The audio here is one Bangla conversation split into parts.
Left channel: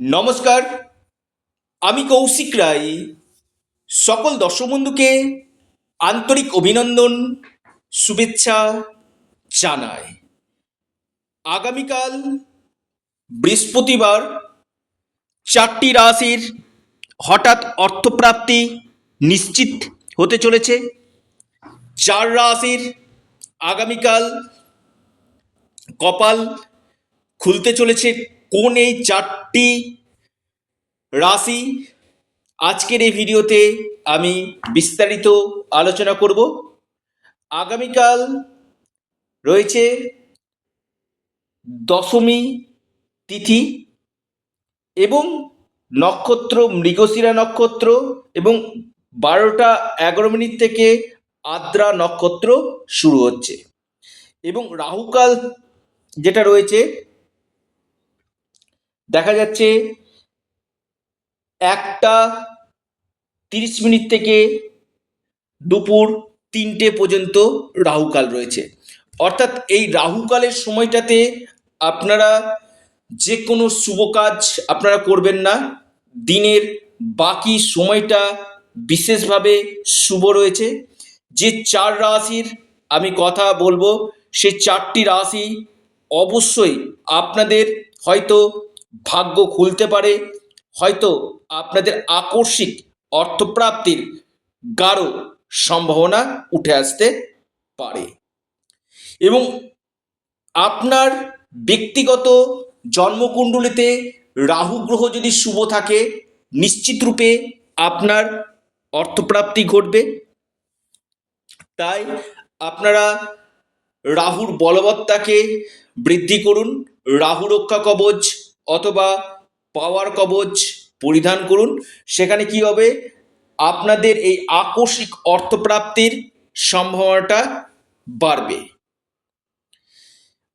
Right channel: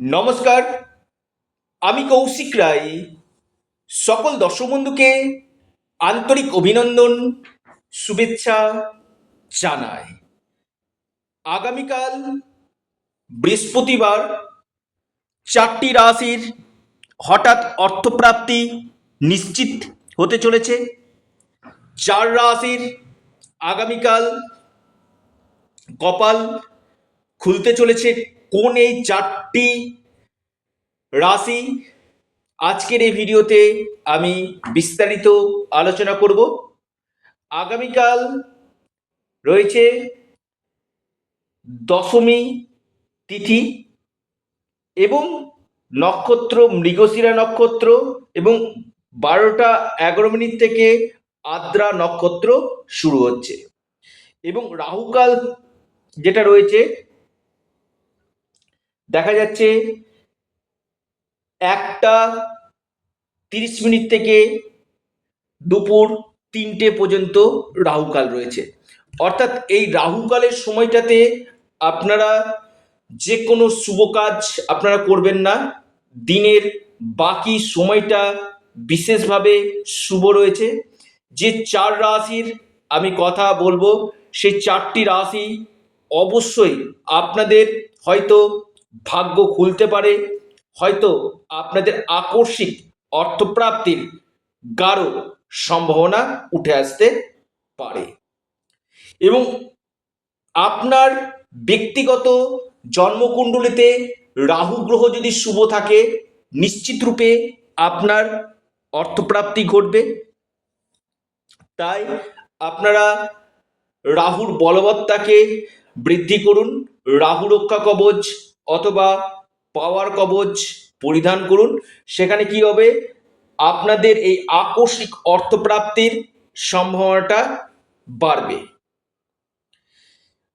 নমস্কার, আমি কৌশিক রায়। সকল দর্শক বন্ধুকে আন্তরিক অভিনন্দন, শুভেচ্ছা জানাই। আগামীকাল বৃহস্পতিবার 4টি রাশির হঠাৎ অর্থপ্রাপ্তি নিশ্চিত হতে চলেছে। 4 রাশির আগামীকাল কপাল খুলতে চলেছে। কোন এই 4টি রাশি আজকের এই ভিডিওতে আমি বিস্তারিত আলোচনা করব। আগামীকাল রয়েছে দশমী তিথি এবং নক্ষত্র মৃগশিরা নক্ষত্র এবং 12টা 11 মিনিট থেকে আদ্রা নক্ষত্র শুরু হচ্ছে এবং রাহুকাল যেটা রয়েছে দেখা যাচ্ছে 1টা 30 মিনিট থেকে দুপুর 3টে পর্যন্ত রাহুকাল রয়েছে। অর্থাৎ এই রাহুকালের সময়টাতে আপনারা যে কোনো শুভ কাজ আপনারা করবেন না। দিনের বাকি সময়টা বিশেষভাবে শুভ রয়েছে। যে 4 রাশির আমি কথা বলবো সেই 4টি রাশি অবশ্যই আপনাদের হয়তো ভাগ্য খুলতে পারে, হয়তো আপনাদের আকস্মিক অর্থপ্রাপ্তির গাঢ় সম্ভাবনা উঠে আসতে পারে এবং আপনার ব্যক্তিগত জন্মকুণ্ডলিতে রাহু গ্রহ যদি শুভ থাকে নিশ্চিত রূপে আপনার অর্থপ্রাপ্তি ঘটবে। তাই আপনারা রাহুর বলবত্তাকে বৃদ্ধি করুন, রাহু রক্ষা কবচ অথবা পাওয়ার কবচ পরিধান করুন। সেখানে কি হবে, আপনাদের এই আকস্মিক অর্থপ্রাপ্তির সম্ভাবনাটা বাড়বে।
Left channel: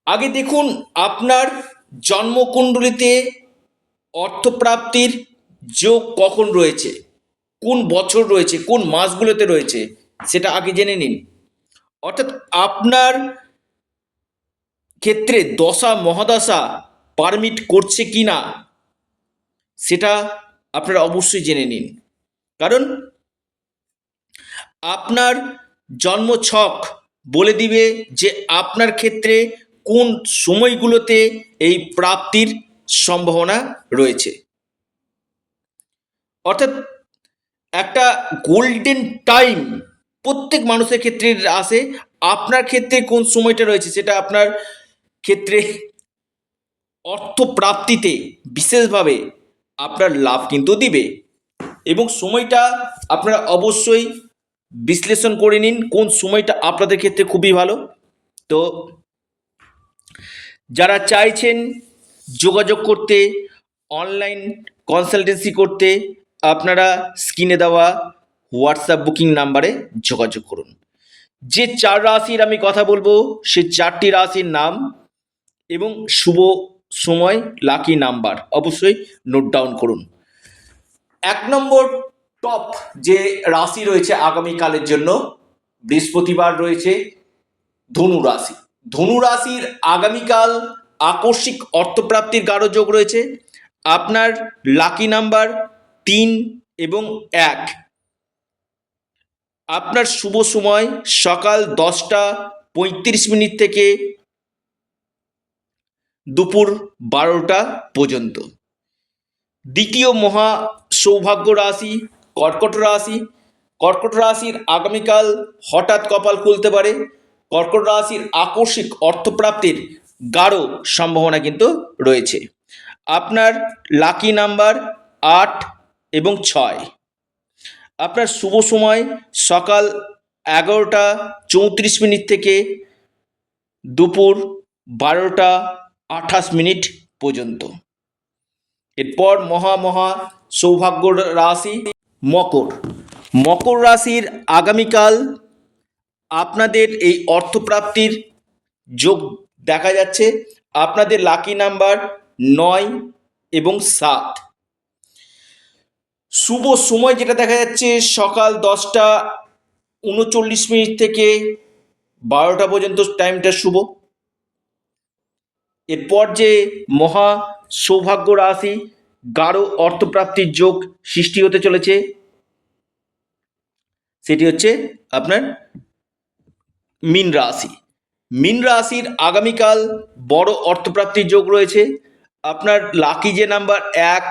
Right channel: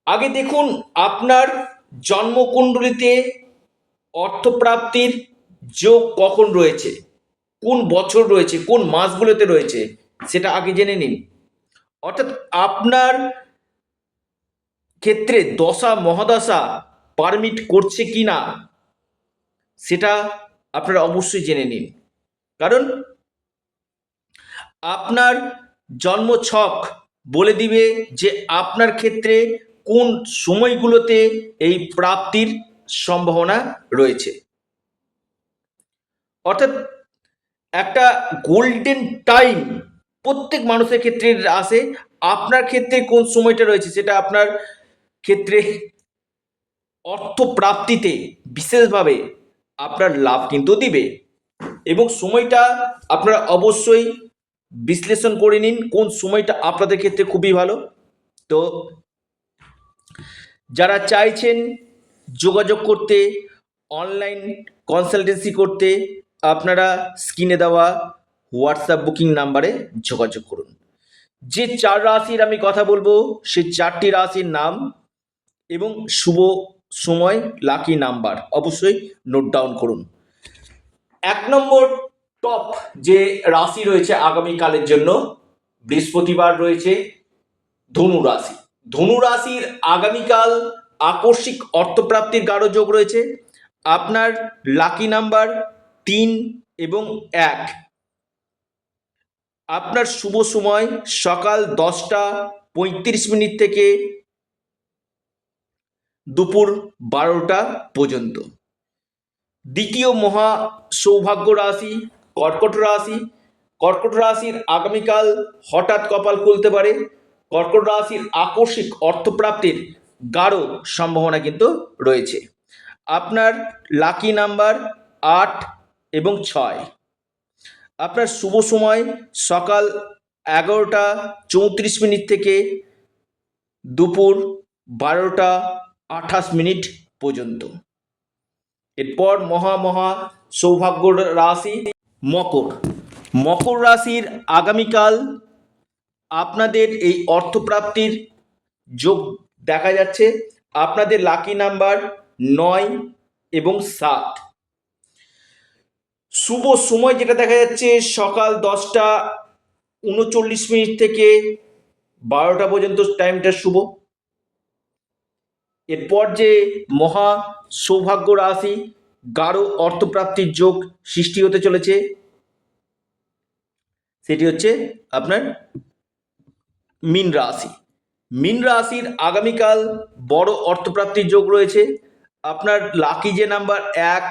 আগে দেখুন আপনার জন্মকুণ্ডলিতে অর্থপ্রাপ্তির যোগ কখন রয়েছে, কোন বছর রয়েছে, কোন মাসগুলোতে রয়েছে, সেটা আগে জেনে নিন। অর্থাৎ আপনার ক্ষেত্রে দশা মহাদশা পারমিট করছে কি না সেটা আপনারা অবশ্যই জেনে নিন। কারণ আপনার জন্মছক বলে দিবে যে আপনার ক্ষেত্রে কোন সময়গুলোতে এই প্রাপ্তির সম্ভাবনা রয়েছে। অর্থাৎ একটা গোল্ডেন টাইম প্রত্যেক মানুষের ক্ষেত্রে আসে। আপনার ক্ষেত্রে কোন সময়টা রয়েছে সেটা আপনার ক্ষেত্রে অর্থপ্রাপ্তিতে বিশেষভাবে আপনার লাভ কিন্তু দিবে এবং সময়টা আপনারা অবশ্যই বিশ্লেষণ করে নিন কোন সময়টা আপনাদের ক্ষেত্রে খুবই ভালো। তো যারা চাইছেন যোগাযোগ করতে, অনলাইন কনসালটেন্সি করতে, আপনারা স্ক্রিনে দেওয়া হোয়াটসঅ্যাপ বুকিং নাম্বারে যোগাযোগ করুন। যে 4 রাশির আমি কথা বলবো সেই 4টি রাশির নাম এবং শুভ সময়, লাকি নাম্বার অবশ্যই নোট ডাউন করুন। 1 নম্বর টপ যে রাশি রয়েছে আগামীকালের জন্য, বৃহস্পতিবার রয়েছে ধনু রাশি। ধনু রাশির আগামীকাল আকস্মিক অর্থপ্রাপ্তির গাঢ় যোগ রয়েছে। আপনার লাকি নাম্বার 3 এবং 1। আপনার শুভ সময় সকাল 10টা 35 মিনিট থেকে দুপুর 12টা পর্যন্ত। দ্বিতীয় মহা সৌভাগ্য রাশি কর্কট রাশি। কর্কট রাশির আগামীকাল হঠাৎ কপাল খুলতে পারে। কর্কট রাশির আকস্মিক অর্থপ্রাপ্তির গাঢ় সম্ভাবনা কিন্তু রয়েছে। আপনার লাকি নাম্বার 8 এবং 6। আপনার শুভ সময় সকাল 11টা 34 মিনিট থেকে দুপুর 12টা 28 মিনিট পর্যন্ত। এরপর মহা সৌভাগ্য রাশি মকর। মকর রাশির আগামীকাল আপনাদের এই অর্থপ্রাপ্তির যোগ দেখা যাচ্ছে। আপনাদের লাকি নাম্বার 9 এবং 7। শুভ সময় যেটা দেখা যাচ্ছে সকাল 10টা 39 মিনিট থেকে 12টা পর্যন্ত টাইমটা শুভ। এরপর যে মহা সৌভাগ্য রাশি গাঢ় অর্থপ্রাপ্তির যোগ সৃষ্টি হতে চলেছে, সেটি হচ্ছে আপনার মীন রাশি। মীন রাশির আগামীকাল বড় অর্থপ্রাপ্তির যোগ রয়েছে। আপনার লাকি যে নাম্বার 1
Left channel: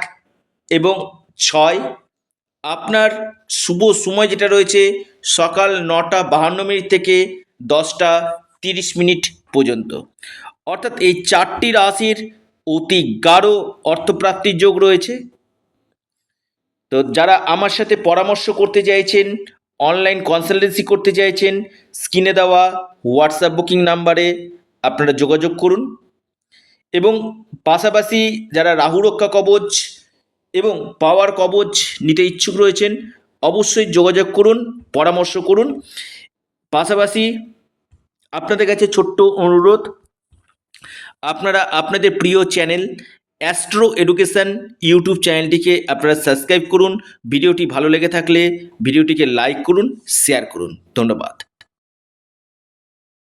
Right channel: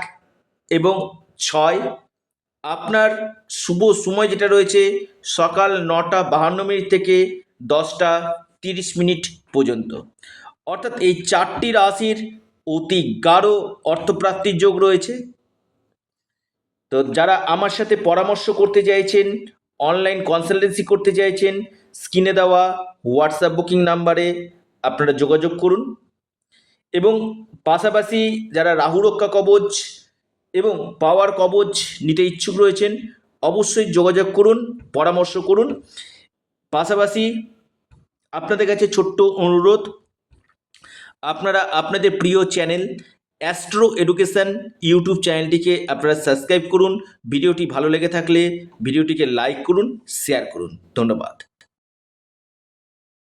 এবং 6। আপনার শুভ সময় যেটা রয়েছে সকাল 9:52 থেকে 10:30 পর্যন্ত। অর্থাৎ এই 4টি রাশির অতি গাঢ় অর্থপ্রাপ্তির যোগ রয়েছে। তো যারা আমার সাথে পরামর্শ করতে চাইছেন, অনলাইন কনসালটেন্সি করতে চাইছেন, স্ক্রিনে দেওয়া হোয়াটসঅ্যাপ বুকিং নাম্বারে আপনারা যোগাযোগ করুন। এবং পাশাপাশি যারা রাহু রক্ষা কবচ এবং পাওয়ার কবচ নিতে ইচ্ছুক রয়েছেন, অবশ্যই যোগাযোগ করুন, পরামর্শ করুন। পাশাপাশি আপনাদের কাছে ছোট্ট অনুরোধ, আপনারা আপনাদের প্রিয় চ্যানেল অ্যাস্ট্রো এডুকেশন ইউটিউব চ্যানেলটিকে আপনারা সাবস্ক্রাইব করুন। ভিডিওটি ভালো লেগে থাকলে ভিডিওটিকে লাইক করুন, শেয়ার করুন। ধন্যবাদ।